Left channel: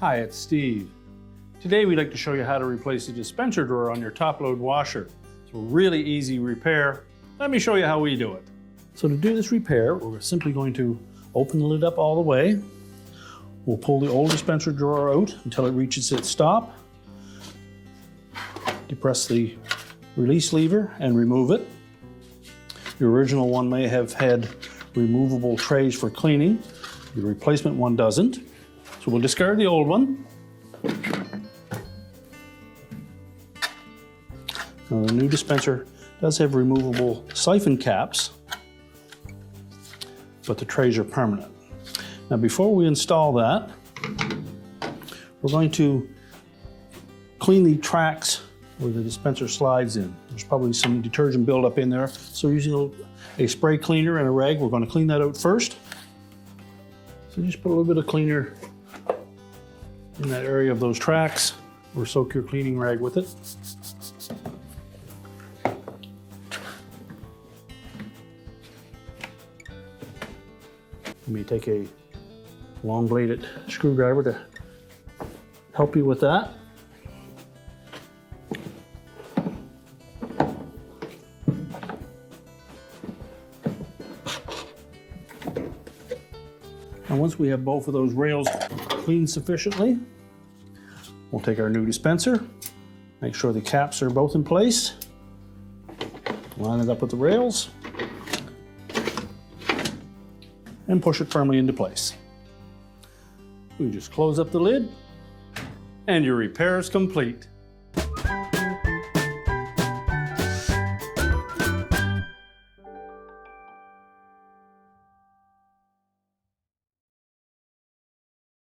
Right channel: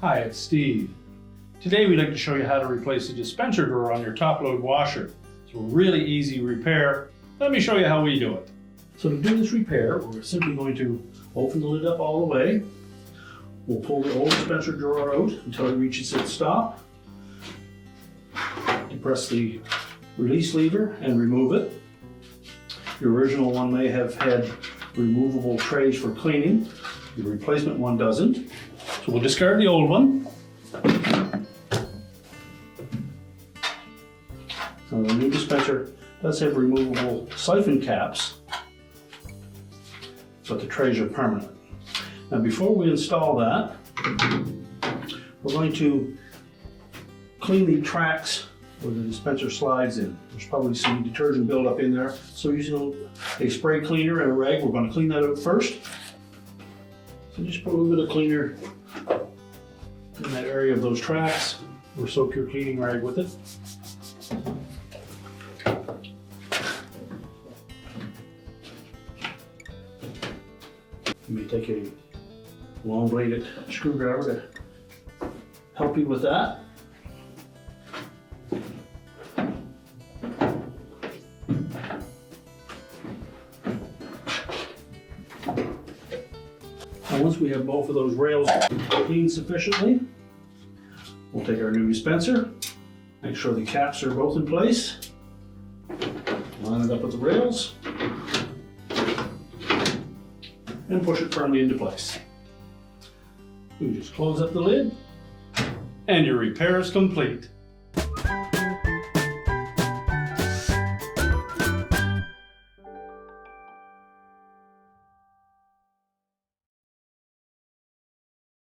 Hi, it's Steve. Today we'd like to show you how to replace the dispenser drawer on your top-load washer. It's a really easy repair. Let me show you how we do it. So to do this repair, we're simply going to open the lid up all the way. We'll pull the old dispenser drawer out until it reaches its stop. Depress the release lever and remove it. The original one may have had removable trays for cleaning. The replacement one doesn't. So we'll discard the old one. Now the new dispenser does have removable siphon caps, but the trays are permanent. Now before we install that, we're going to clean the tracks where the dispenser slides in. There's probably some detergent buildup in there, so using a spray cleaner and a rag, we're going to clean that out first. So just put a little bit of cleaner in that area of those tracks, or soak your cleaning rag with it. You may take a long bladed screwdriver to help you with that. Now once we have both of those rails cleaned sufficiently, we'll take our new dispenser, make sure the caps are both in place, line it up with the rails, and push it firmly into place. We just close up the lid, and your repair is complete.